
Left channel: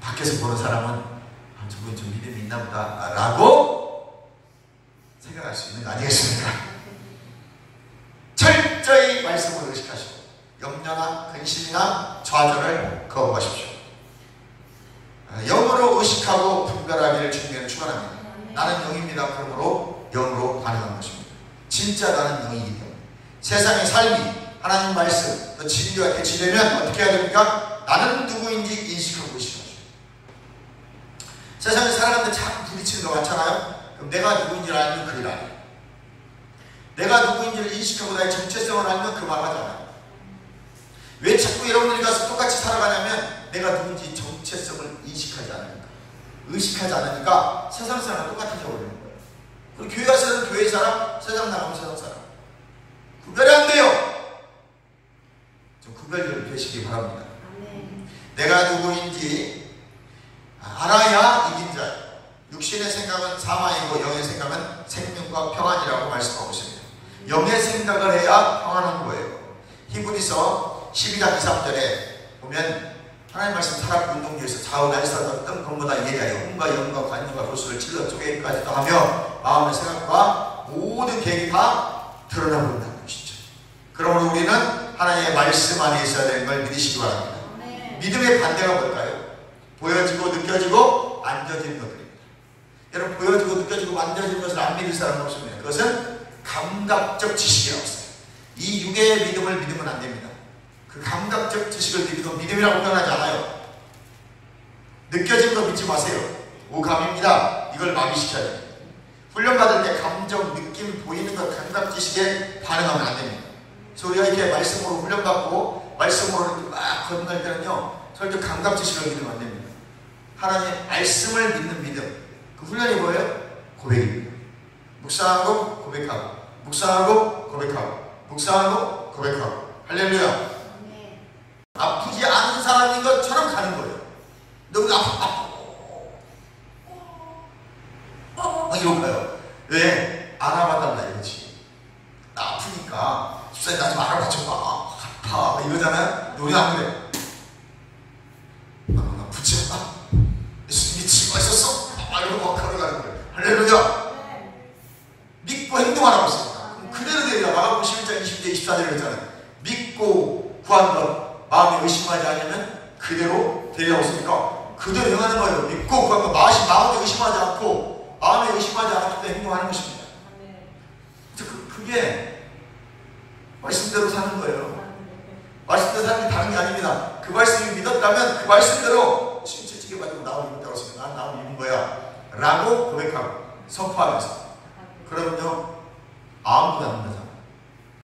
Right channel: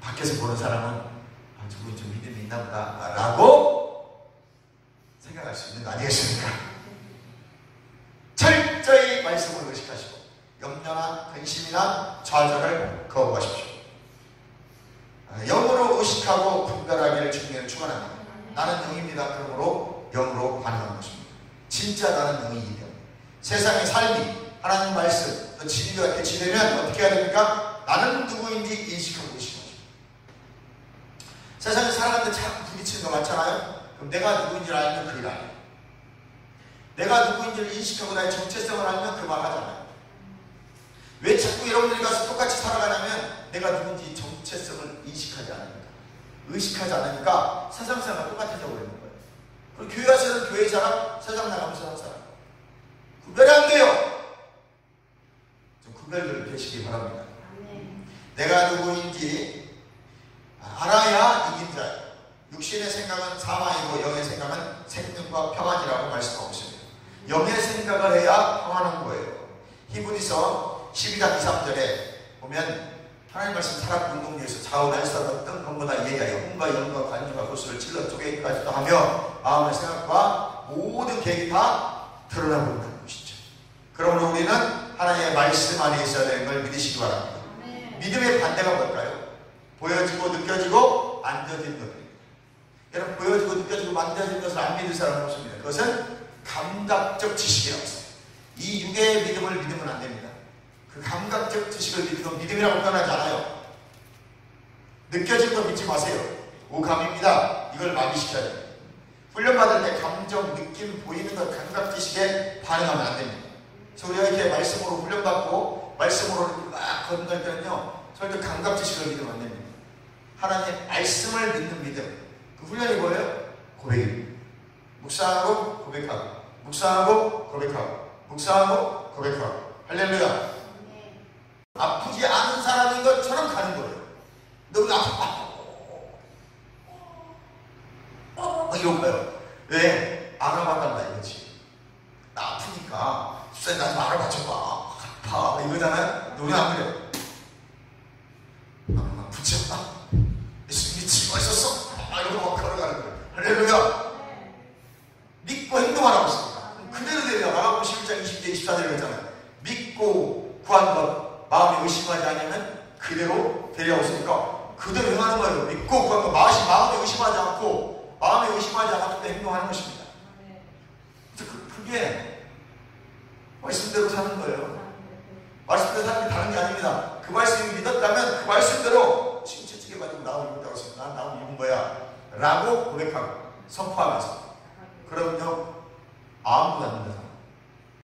밖에서 보는 사람은 저분 좀 믿음이 있나 보다 라고 생각할 수 있는 거 아니겠습니까? 철저히 말씀을 의식하시고 염려나 근심이나 좌절을 거부하십시오. 영으로 의식하고 분별하기를 주님께 축원합니다. 나는 영입니다. 그러므로 영으로 반응하는 것입니다. 진짜 나는 영이기 때문에 세상의 삶이 하나님 말씀 진리와 대치되면 어떻게 해야 됩니까? 나는 누구인지 인식하고 의식하죠. 세상에 살아가는데 참 부딪히는 거 많잖아요. 그럼 내가 누구인지를 알면 그 일 안 해요. 내가 누구인지를 인식하고 나의 정체성을 알면 그 말 하잖아요. 왜 자꾸 여러분들이 가서 똑같이 살아가냐면 내가 누군지 정체성을 인식하지 않으니까, 의식하지 않으니까 세상 사람 똑같아져 버리는 거예요. 그리고 교회 와서는 교회 사람, 세상 나가면 세상 사람. 구별이 안 돼요. 좀 구별을 되시기 바랍니다. 내가 누구인지 알아야 이긴 자. 육신의 생각은 사망이고 영의 생각은 생명과 평안이라고 말씀하고 있습니다. 영의 생각을 해야 평안한 거예요. 히브리서 12장 2, 3절에 보면 하나님 말씀 타락 운동에서 좌우 날선 어떤 것보다 예리하여 혼과 영과 관념과 도수를 찔러 쪼개기까지 다 하며 마음의 생각과 모든 계획이 다 드러나 버린다는 것이죠. 그러므로 우리는 하나님의 말씀 안에 있어야 되는 걸 믿으시기 바랍니다. 믿음의 반대가 뭘까요? 보여지고 느껴지고 만져지는 것들입니다. 여러분, 보여지고 느껴지고 만져지는 것을 안 믿을 사람은 없습니다. 그것은 감각적 지식이라고 했어요. 이 육의 믿음을 믿으면 안 됩니다. 그 감각적 지식을 믿어도 믿음이라고 표현하지 않아요. 느껴진 거 믿지 마세요. 오감입니다. 이걸 마비시켜야 됩니다. 훈련받을 때 감정, 느낌, 보이는 것, 감각 지식에 반응하면 안 됩니다. 그래서 우리가 이렇게 말씀으로 훈련받고 말씀으로 이렇게 막 건너갈 때는요, 절대 감각 지식을 믿으면 안 됩니다. 하나님의 말씀을 믿는 믿음. 그 훈련이 뭐예요? 고백입니다. 묵상하고 고백하고, 묵상하고 고백하고, 묵상하고 고백하고. 할렐루야. 아프지 않은 사람인 것처럼 가는 거예요. 너무 막 이러고 가요. 왜? 알아봐달라 이거지. 나 아프니까 집사님 나 좀 알아봐줘봐. 아파 이러잖아요. 우리 안 그래. 붙여. 미치고 있었어. 이러고 막 걸어가는 거예요. 할렐루야. 믿고 행동하라고 했습니다. 그대로 되리라. 마가복음 11장 20절 24절에 했잖아요. 믿고 구한 것 마음에 의심하지 않으면 그대로 되리라고 했으니까 그대로 행하는 거예요. 믿고 구한 것 마음에 의심하지 않고 마음에 의심하지 않을 때 행동하는 것입니다. 그게 말씀대로 사는 거예요. 말씀대로 사는 게 다른 게 아닙니다. 그 말씀을 믿었다면 그 말씀대로 침체지게 가지고 나를 믿었다고 했습니다. 나를 믿은 거야 라고 고백하고 선포하면서, 그러면요